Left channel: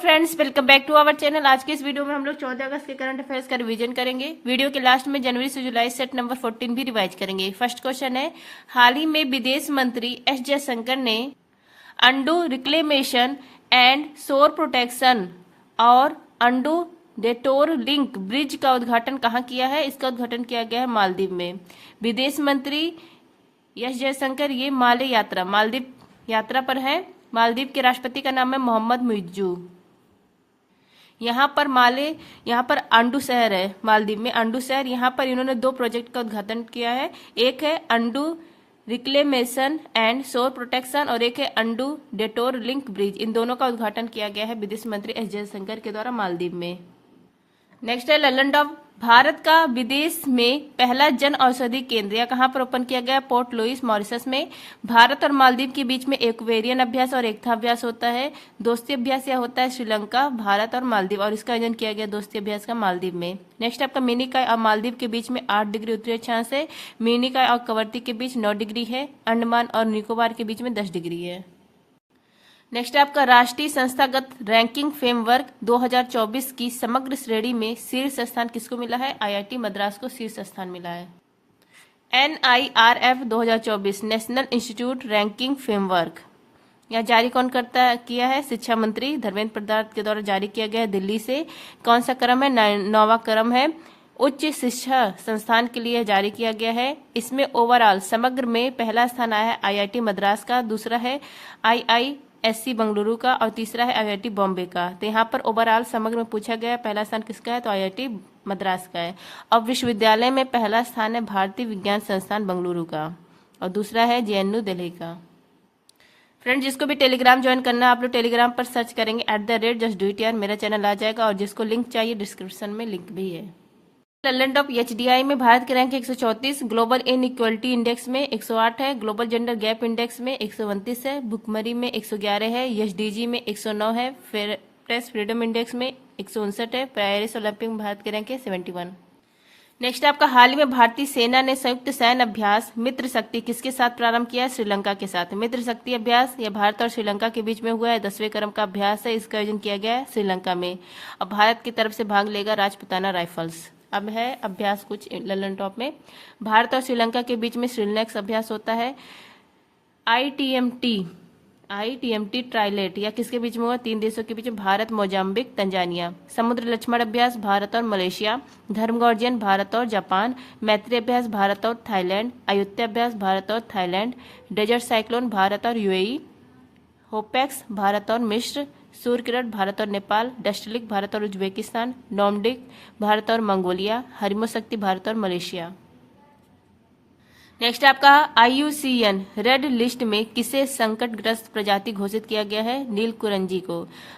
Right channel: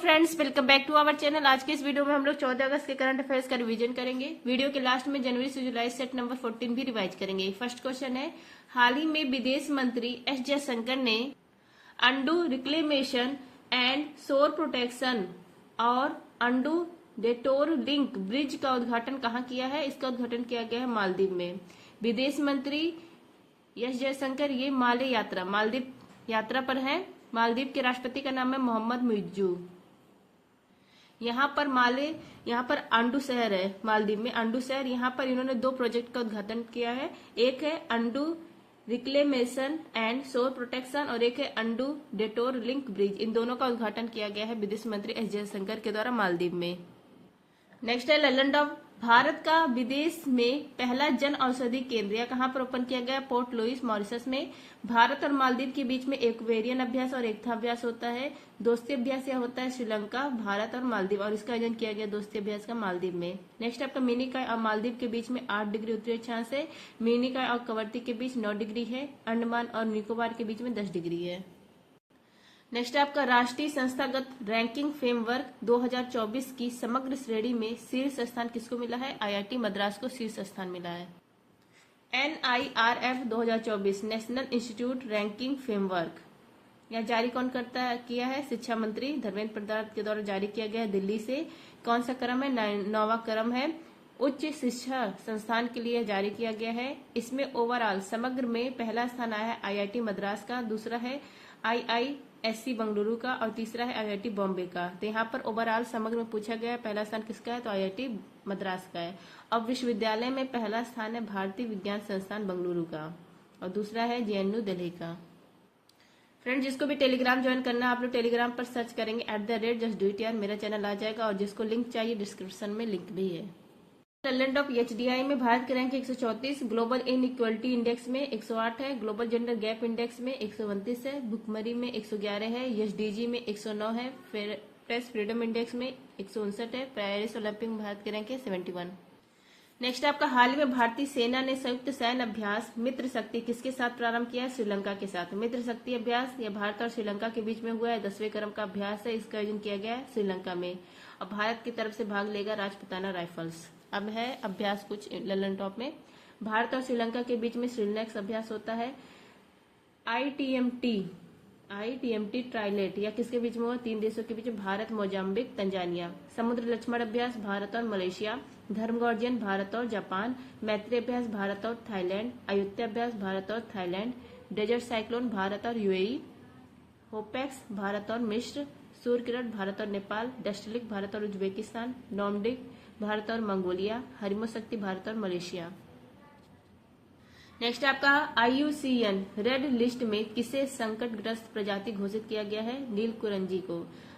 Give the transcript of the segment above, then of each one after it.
Friends, welcome back to our channel. आज के इस वीडियो में हम लोग 14 अगस्त के करंट अफेयर्स का रिवीजन करेंगे। वीडियो के लास्ट में जनवरी से जुलाई सेट नंबर 14 भी रिवाइज करेंगे। फर्स्ट क्वेश्चन है, हाल ही में विदेश मंत्री एस जयशंकर ने अंडू रिक्लेमेशन एंड शोर प्रोटेक्शन और अंडू डेटोर लिंक ब्रिज का उद्घाटन कहाँ किया है? इसका उद्घाटन किया गया है मालदीव में। विदेश मंत्री एस जयशंकर ये मालदीव यात्रा पर है। मालदीव के राष्ट्रपति का नाम है मोहम्मद मुइज्जू। यहाँ पर अंडू शहर है, मालदीव में अंडू शहर। यहाँ पर इन्होंने 2 प्रोजेक्ट का उद्घाटन किया है। एक है अंडू रिक्लेमेशन एंड शोर प्रोटेक्शन और एक है अंडू डेटोर लिंक ब्रिज। इन दोनों का उद्घाटन किया गया है विदेश मंत्री एस जयशंकर के द्वारा मालदीव में। नेक्स्ट है लल्लनटॉप, भारत का विदेश में पहला जन औषधि केंद्र या कहाँ पर ओपन किया गया? पोर्ट लुइस, मॉरिशस में। भारत और मालदीव के बीच में एक्वेरियन अभ्यास और एकता अभ्यास होता है। दोस्ती अभ्यास यह होता है श्रीलंका, भारत और मालदीव, और इसका आयोजन किया गया दोस्ती अभ्यास का मालदीव में। नेक्स्ट आपका मिनिकॉय और मालदीव के बीच में 8 डिग्री उत्तरी अक्षांश है। मिनिकॉय और कवरती के बीच 9 डिग्री है। अंडमान और निकोबार के बीच में 10 डिग्री है। नेक्स्ट आपका राष्ट्रीय संस्थागत रैंकिंग फ्रेमवर्क 2024 की समग्र श्रेणी में शीर्ष स्थान किसको मिला है? आईआईटी मद्रास को शीर्ष स्थान मिला है। NIRF 2024 national institute ranking framework यह जारी कौन किया है? शिक्षा मंत्री धर्मेंद्र प्रधान के द्वारा जारी किया गया है दिल्ली से। कौन सा क्रम है? 9वां क्रम है। उच्च शिक्षा संस्थान के लिए जारी किया गया है। इसमें ओवरऑल समग्र में पहला स्थान आया है आईआईटी मद्रास का, दूसरा है IISc बेंगलुरु का और तीसरा है IIT बॉम्बे का। तो यहाँ पर ओवरऑल समग्र में पूछा गया है पहला स्थान किसका है? तो IIT मद्रास का है। और विश्वविद्यालय में पहला स्थान है भारतीय विज्ञान संस्थान बेंगलुरु का और दूसरा है JNU दिल्ली का। फ्रेंड, जिसको भी टेलीग्राम ज्वाइन करना है आप लोग टेलीग्राम पर सर्च करेंगे @justdoityar, मेरा चैनल आ जाएगा और जिसको लिंक चाहिए डिस्क्रिप्शन में लिंक भी है। लल्लनटॉप HDI में भारत की रैंक 134, ग्लोबल इनइक्वलिटी इंडेक्स में 108 है, ग्लोबल जेंडर गैप इंडेक्स में 129 है, भुखमरी में 111 है, SDG में 109 है, प्रेस फ्रीडम इंडेक्स में 159 है, पेरिस ओलंपिक में भारत की रैंक है 71। नेक्स्ट आपका हाल ही में भारतीय सेना ने संयुक्त सैन्य अभ्यास मित्र शक्ति किसके साथ प्रारंभ किया है? श्रीलंका के साथ। मित्र शक्ति अभ्यास यह भारत और श्रीलंका के बीच में हुआ है, 10वें क्रम का अभ्यास है। इसका आयोजन किया गया है श्रीलंका में और भारत की तरफ से भाग लेगा राजपुताना राइफल्स। अब है अभ्यास कुछ लल्लनटॉप में। भारत और श्रीलंका के बीच में श्रीलैक्स अभ्यास होता है। ITMT ट्राइलेट या किसके बीच में हुआ? 3 देशों के बीच में, भारत, मोजाम्बिक, तंजानिया। समुद्र लक्ष्मण अभ्यास भारत और मलेशिया। धर्मगॉर्जियन भारत और जापान। मैत्री अभ्यास भारत और थाईलैंड। अयुत्या अभ्यास भारत और थाईलैंड। डेजर्ट साइक्लोन भारत और UAE। होपेक्स भारत और मिस्र। सूर्य किरण भारत और नेपाल। डस्टलिक भारत और उज्बेकिस्तान। नॉमडिक भारत और मंगोलिया। हरिमो शक्ति भारत और मलेशिया। नेक्स्ट आपका IUCN रेड लिस्ट में किसे संकटग्रस्त प्रजाति घोषित किया गया है? नीलकुरंजी को।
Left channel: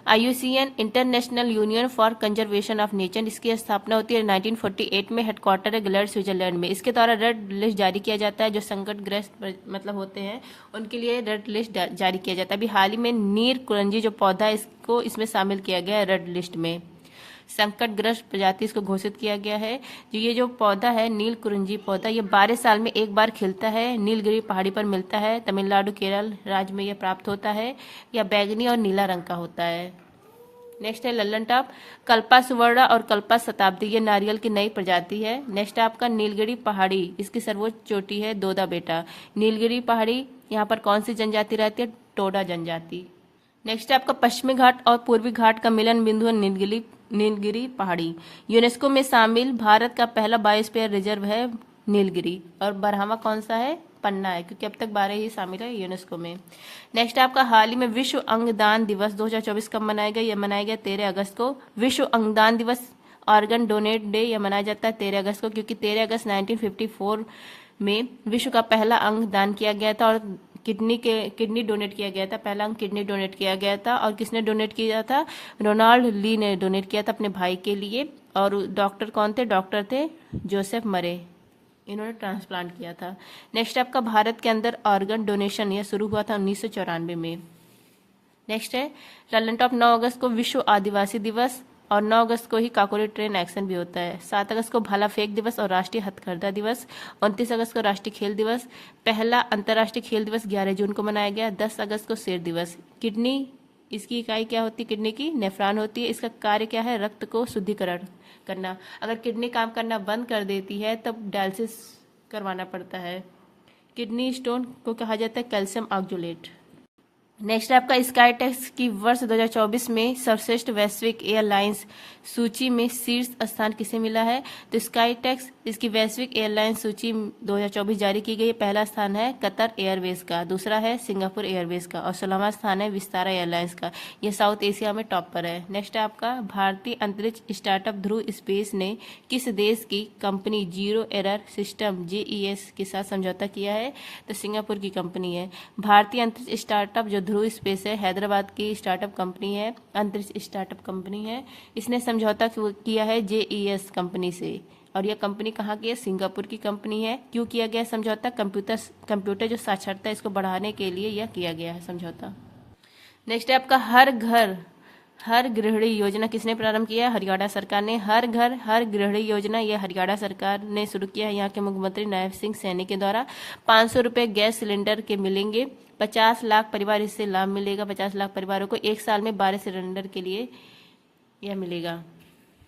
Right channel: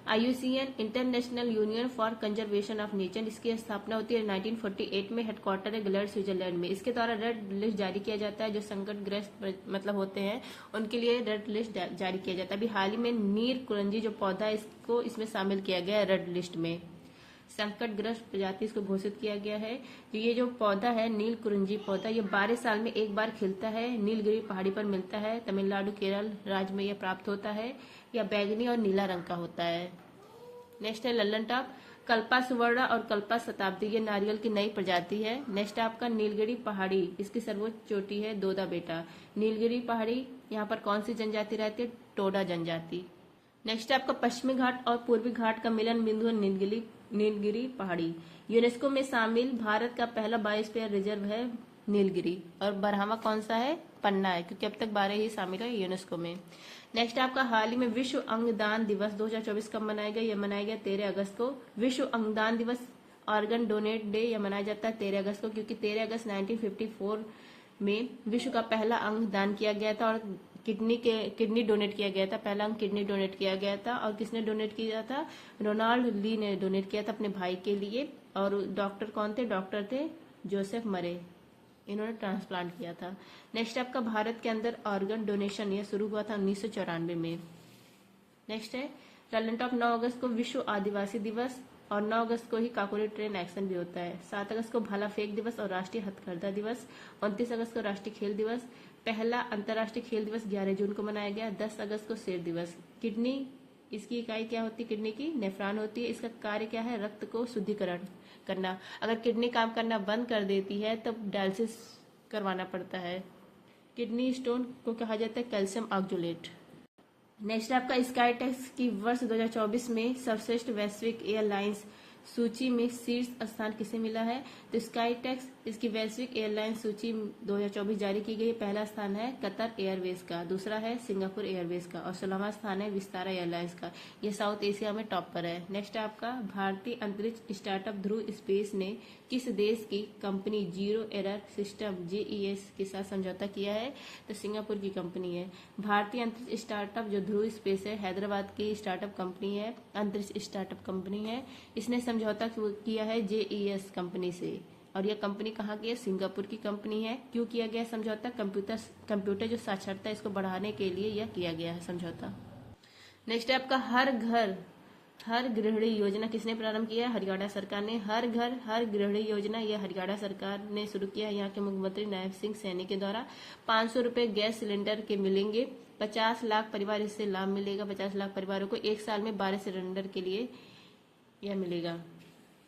IUCN international union for conservation of nature, इसकी स्थापना होती है 1948 में, हेडक्वार्टर है ग्लेड स्विट्जरलैंड में। इसके द्वारा रेड लिस्ट जारी किया जाता है, जो संकटग्रस्त मतलब होते हैं उनके लिए रेड लिस्ट जारी किया जाता है। अभी हाल ही में नीलकुरंजी जो पौधा है इसको इसमें शामिल किया गया है रेड लिस्ट में। संकटग्रस्त प्रजाति इसको घोषित किया गया है। ये जो पौधा है नीलकुरंजी पौधा, ये 12 साल में एक बार खिलता है। नीलगिरी पहाड़ी पर मिलता है। तमिलनाडु केरल राज्य में यह प्राप्त होता है। यह बैंगनी और नीला रंग का होता है। नेक्स्ट है लल्लनटॉप, कल्पा सुवर्णा और कल्पा शताब्दी, ये नारियल की नई प्रजाति है। नेक्स्ट आपका नीलगिरी पहाड़ी, इसकी सर्वोच्च चोटी है दोदा बेटा। नीलगिरी पहाड़ी यहाँ पर कौन सी जनजाति रहती है? टोडा जनजाति। नेक्स्ट आपका पश्चिमी घाट और पूर्वी घाट का मिलन बिंदु है नीलगिरी पहाड़ी। यूनेस्को में शामिल भारत का पहला बायोस्फीयर रिजर्व है नीलगिरी। और 12वां कौन सा है? पन्ना है, क्योंकि अब तक 12 ही शामिल है यूनेस्को में। नेक्स्ट आपका हाल ही में विश्व अंगदान दिवस 2024 कब मनाया गया? यह मनाया गया 13 अगस्त को। विश्व अंगदान दिवस, ऑर्गन डोनेट डे, यह मनाया जाता है 13 अगस्त को, क्योंकि 13 अगस्त 1954 में विश्व का पहला अंग दान किया गया था और किडनी डोनेट किया गया था। पहला अंग किडनी डोनेट किया गया था और किसने डोनेट किया था? रोनाल्ड ली ने डोनेट किया था अपने भाई के लिए। और डॉक्टर कौन थे? डॉक्टर थे जोसेफ मरे, इन्होंने ट्रांसप्लांट किया था। नेक्स्ट आपका भारत के अंदर ऑर्गन डोनेशन यह शुरू हुआ था 1994 में। नेक्स्ट है लल्लनटॉप, 9 अगस्त को विश्व आदिवासी दिवस और 9 अगस्त को ही काकोरी ट्रेन एक्शन भी होता है। 7 अगस्त को भाला फेंक दिवस और राष्ट्रीय हथकरघा दिवस। 29 अगस्त को राष्ट्रीय खेल दिवस। पहला अंतर्राष्ट्रीय खेल दिवस 11 जून को मनाया गया। 10 अगस्त को शेर दिवस। किडनी इसकी इकाई क्या होती है किडनी की? नेफ्रॉन होती है। इसका कार्य क्या है? रक्त को शुद्धिकरण करना। अगर किडनी काम करना बंद कर देती है तब डायलिसिस करवाना पड़ता है। किडनी स्टोन को कहा जाता है कैल्शियम ऑक्जुलेट। नेक्स्ट है आपका स्काई टैक्स की वर्ष 2024 में सर्वश्रेष्ठ वैश्विक एयरलाइंस सूची में शीर्ष स्थान किसे मिला है? तो स्काई टैक्स इसकी वैश्विक एयरलाइंस सूची 2024 जारी की गई है। पहला स्थान है कतर एयरवेज का, दूसरा है सिंगापुर एयरवेज का और 16वां स्थान है विस्तारा एयरलाइंस का। यह साउथ एशिया में टॉप पर है। नेक्स्ट है आपका भारतीय अंतरिक्ष स्टार्टअप ध्रुव स्पेस ने किस देश की company zero error system JES के साथ समझौता किया है? तो सिंगापुर की कंपनी है। भारतीय अंतरिक्ष स्टार्टअप जो ध्रुव स्पेस है हैदराबाद की स्टार्टअप कंपनी है, अंतरिक्ष स्टार्टअप कंपनी है। इसने समझौता किया है JES कंपनी से और यह कंपनी कहाँ की है? सिंगापुर की कंपनी है। क्यों किया गया समझौता? कंप्यूटर जो साक्षरता इसको बढ़ाने के लिए यह किया गया है समझौता। नेक्स्ट है आपका हर घर हर गृहिणी योजना किसने प्रारंभ किया? हरियाणा सरकार ने। हर घर हर गृहिणी योजना यह हरियाणा सरकार ने शुरू किया है। यहाँ के मुख्यमंत्री नायब सिंह सैनी के द्वारा 500 रुपये गैस सिलेंडर के मिलेंगे। 50 लाख परिवार इससे लाभ मिलेगा। 50 लाख परिवारों को एक साल में 12 सिलेंडर के लिए यह मिलेगा,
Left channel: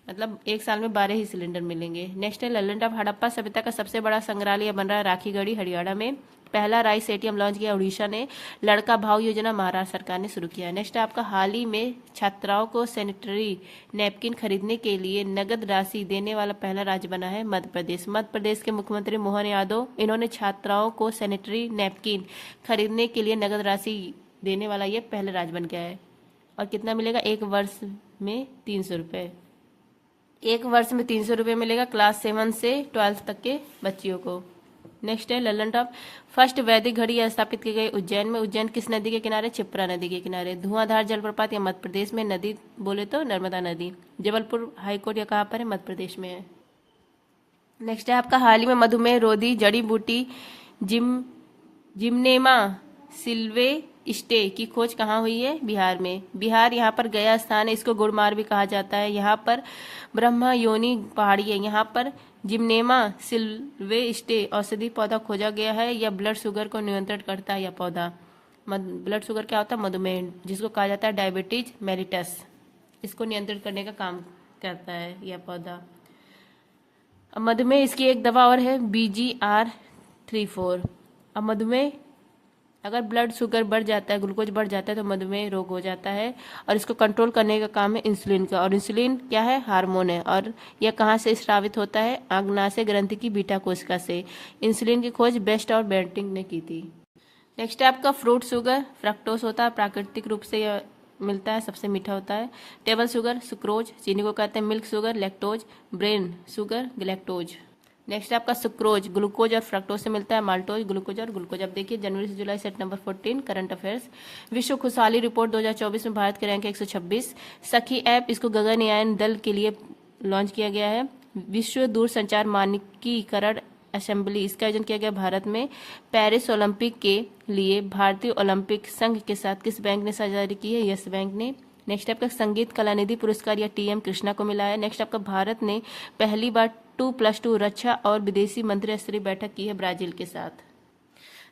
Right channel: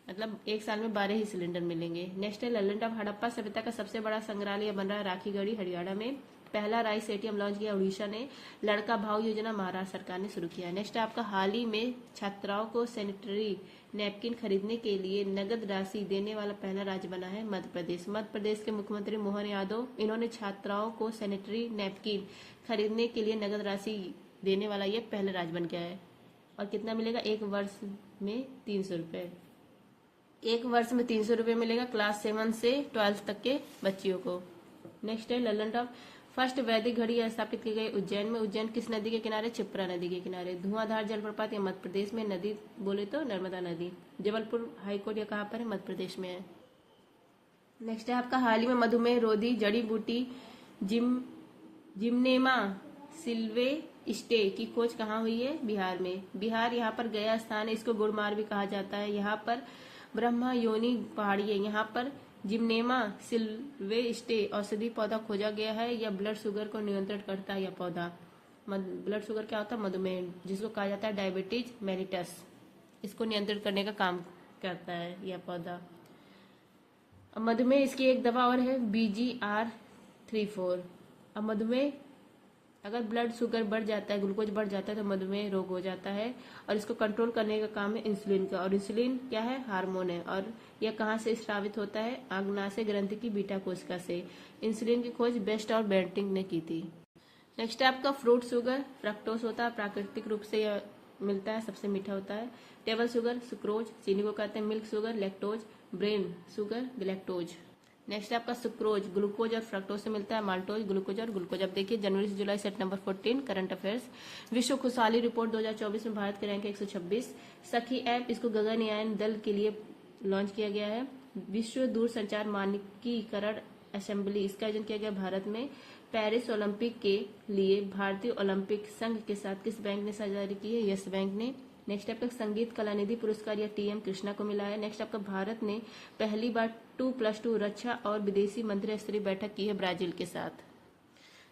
मतलब एक साल में 12 ही सिलेंडर मिलेंगे। नेक्स्ट है लैंड ऑफ हड़प्पा सभ्यता का सबसे बड़ा संग्रहालय बन रहा है राखीगढ़ी हरियाणा में। पहला राइस एटीएम लॉन्च किया उड़ीसा ने। लड़का भाव योजना महाराष्ट्र सरकार ने शुरू किया। नेक्स्ट आपका हाल ही में छात्राओं को सैनिटरी नैपकिन खरीदने के लिए नगद राशि देने वाला पहला राज्य बना है मध्य प्रदेश। मध्य प्रदेश के मुख्यमंत्री मोहन यादव इन्होंने छात्राओं को सैनिटरी नैपकिन खरीदने के लिए नगद राशि देने वाला ये पहला राज्य बन गया है। और कितना मिलेगा? एक वर्ष में 300 रुपये। एक वर्ष में 300 रुपये मिलेगा क्लास 7 से 12 तक के बच्चियों को। नेक्स्ट है ललन टॉप फर्स्ट वैदिक घड़ी स्थापित की गई उज्जैन में। उज्जैन किस नदी के किनारे? क्षिप्रा नदी के किनारे। धुआंधार जलप्रपात या मध्य प्रदेश में? नदी बोले तो नर्मदा नदी। जबलपुर हाईकोर्ट या कहाँ पर है? मध्य प्रदेश में है। नेक्स्ट है आपका हाल ही में मधुमेह रोधी जड़ी बूटी जिम्नेमा सिल्वेस्टे की खोज कहाँ हुई है? बिहार में। बिहार यहाँ पर गया स्थान है, इसको गुड़मार भी कहा जाता है। यहाँ पर ब्रह्मा योनि पहाड़ी है। यहाँ पर जिम्नेमा सिल्वेस्टे औषधि पौधा खोजा गया है। यह ब्लड शुगर को नियंत्रण करता है। यह पौधा ब्लड शुगर क्या होता है? मधुमेह, जिसको कहा जाता है डायबिटीज मेलिटस, इसको नियंत्रित करने का काम करता है यह पौधा। अब मधुमेह इसकी एक दवा और है BGR34। अब मधुमेह अगर ब्लड शुगर बढ़ जाता है, ग्लूकोज बढ़ जाता है तो मधुमेह रोग हो जाता है और इसको कंट्रोल करने का काम है इंसुलिन का। और इंसुलिन क्या है? हार्मोन है। और यह कहाँ से स्रावित होता है? आग्नाशय ग्रंथि की बीटा कोशिका से। इंसुलिन की खोज बेस्ट और बेंटिंग ने की थी। नेक्स्ट है आपका फ्रूट शुगर फ्रक्टोज होता है, प्राकृतिक रूप से यह मिलता है, सबसे मीठा होता है। टेबल शुगर सुक्रोज, चीनी को कहते हैं milk sugar lactose, brain sugar galactose. Next आपका सुक्रोज ग्लूकोज और फ्रक्टोज से मिलता है, माल्टोज ग्लूकोज और ग्लूकोज। अब देखिए जनवरी से जुलाई सेट नंबर 14 करंट अफेयर्स। विश्व खुशहाली रिपोर्ट 2024 में भारत के रैंक 126। सखी ऐप इसको गगनयान दल के लिए लॉन्च किया गया है। विश्व दूरसंचार मानकीकरण असेंबली इसका आयोजन किया गया भारत में। पेरिस ओलंपिक के लिए भारतीय ओलंपिक संघ के साथ किस बैंक ने साझेदारी की है? यस बैंक ने। नेक्स्ट आपका संगीत कलानिधि पुरस्कार या TM कृष्णा को मिला है। नेक्स्ट आपका भारत ने पहली बार 2+2 रक्षा और विदेशी मंत्री स्तरीय बैठक की है ब्राजील के साथ।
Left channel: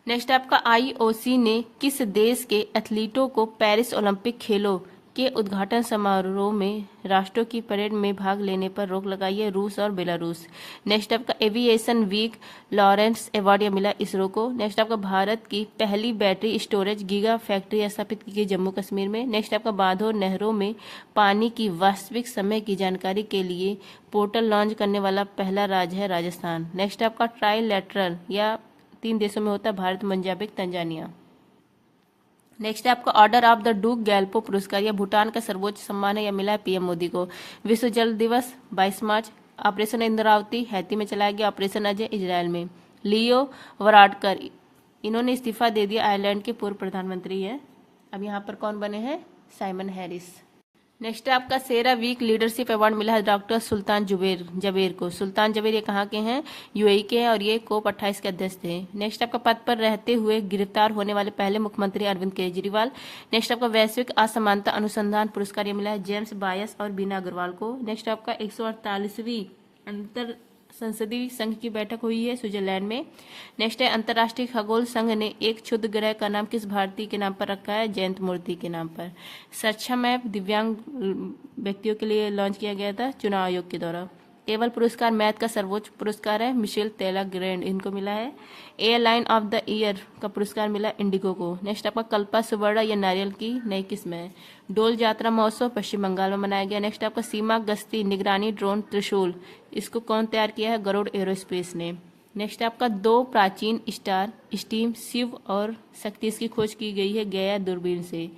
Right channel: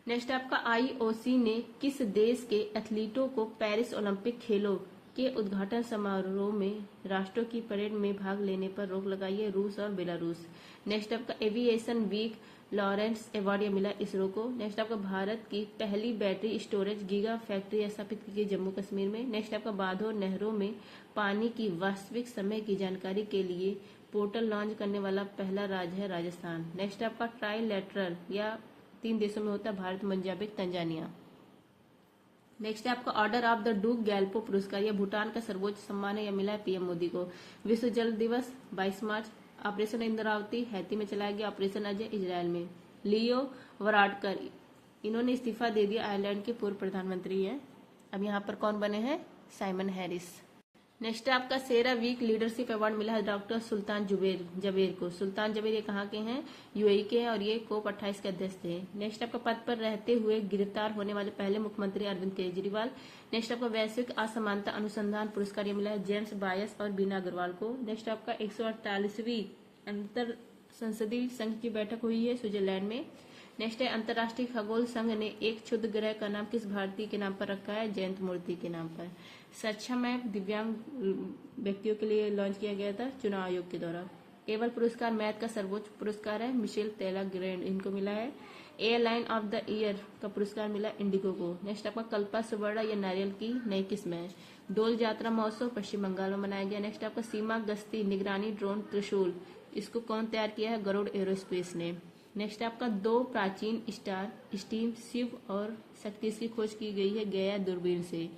नेक्स्ट आपका IOC ने किस देश के एथलीटों को पेरिस ओलंपिक खेलों के उद्घाटन समारोह में राष्ट्रों की परेड में भाग लेने पर रोक लगाई है? रूस और बेलारूस। नेक्स्ट आपका एविएशन वीक लॉरेंस अवार्ड मिला इसरो को। नेक्स्ट आपका भारत की पहली बैटरी स्टोरेज गीगा फैक्ट्री स्थापित की गई जम्मू कश्मीर में। नेक्स्ट आपका बांधों और नहरों में पानी की वास्तविक समय की जानकारी के लिए पोर्टल लॉन्च करने वाला पहला राज्य है राजस्थान। नेक्स्ट आपका ट्राइलैटरल या 3 देशों में होता है, भारत, मोजाम्बिक, तंजानिया। नेक्स्ट है आपका ऑर्डर ऑफ द डूक गैल्पो पुरस्कार यह भूटान का सर्वोच्च सम्मान है, यह मिला है PM मोदी को। विश्व जल दिवस 22 मार्च। ऑपरेशन इंद्रावती हैती में चलाया गया। ऑपरेशन अजय इजरायल में। लियो वराडकर इन्होंने इस्तीफा दे दिया, आयरलैंड के पूर्व प्रधानमंत्री हैं। अब यहाँ पर कौन बने हैं? Simon Harris. नेक्स्ट है आपका सेरा वीक लीडरशिप अवार्ड मिला है डॉक्टर सुल्तान जबेर को। सुल्तान जबेर ये कहाँ के हैं? UAE के हैं और ये COP 28 के अध्यक्ष थे। नेक्स्ट आपका पद पर रहते हुए गिरफ्तार होने वाले पहले मुख्यमंत्री अरविंद केजरीवाल। नेक्स्ट आपका वैश्विक असमानता अनुसंधान पुरस्कार ये मिला है जेम्स बायस और बीना अग्रवाल को। नेक्स्ट आपका 148वीं अंतर संसदीय संघ की बैठक हुई है स्विट्जरलैंड में। नेक्स्ट है अंतर्राष्ट्रीय खगोल संघ ने एक क्षुद्र ग्रह का नाम किस भारतीय के नाम पर रखा है? जयंत मूर्ति के नाम पर। सक्षम ऐप दिव्यांग व्यक्तियों के लिए लॉन्च किया गया था चुनाव आयोग के द्वारा। टेबल पुरस्कार मैथ का सर्वोच्च पुरस्कार है मिशेल तेला ग्रैंड, इनको मिला है। एयरलाइन ऑफ द ईयर का पुरस्कार मिला इंडिगो को। नेक्स्ट आपका कल्पा सुवर्ण या नारियल की नई किस्म है। डोल यात्रा महोत्सव पश्चिम बंगाल में मनाया गया। नेक्स्ट आपका सीमा गश्ती निगरानी ड्रोन त्रिशूल, इसको कौन तैयार किया है? गरुड़ एरोस्पेस ने। नेक्स्ट आपका 2 प्राचीन स्टार स्टीम शिव और शक्ति, इसकी खोज की गई है गया दूरबीन से।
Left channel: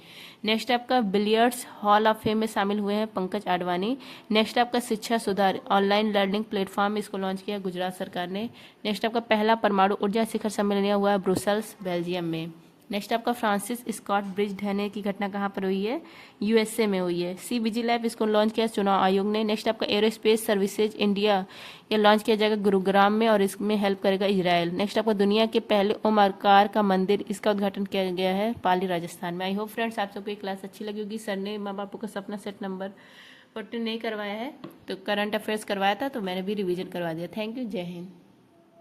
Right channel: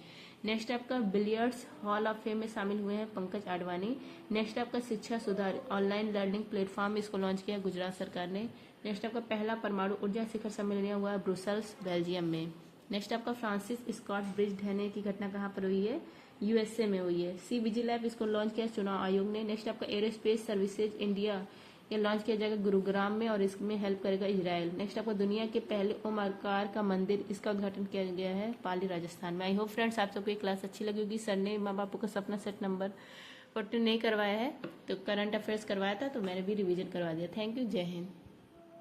नेक्स्ट आपका बिलियर्ड्स हॉल ऑफ फेम में शामिल हुए हैं पंकज आडवाणी। नेक्स्ट आपका शिक्षा सुधार ऑनलाइन लर्निंग प्लेटफॉर्म, इसको लॉन्च किया गुजरात सरकार ने। नेक्स्ट आपका पहला परमाणु ऊर्जा शिखर सम्मेलन हुआ है ब्रुसेल्स बेल्जियम में। नेक्स्ट आपका फ्रांसिस स्कॉट ब्रिज ढहने की घटना कहाँ पर हुई है? यूएसए में हुई है। सी विजी लैब, इसको लॉन्च किया चुनाव आयोग ने। नेक्स्ट आपका एरोस्पेस सर्विसेज इंडिया, ये लॉन्च किया जाएगा गुरुग्राम में और इसमें हेल्प करेगा इजराइल। नेक्स्ट आपका दुनिया के पहले ओम आकार का मंदिर, इसका उद्घाटन किया गया है पाली राजस्थान में। आई होप फ्रेंड्स आप सबको ये क्लास अच्छी लगी होगी। सर ने माँ बापों का सपना सेट नंबर 14 नहीं करवाया है, तो करंट अफेयर्स करवाया था, तो मैंने भी रिवीजन करवा दिया। थैंक यू, जय हिंद।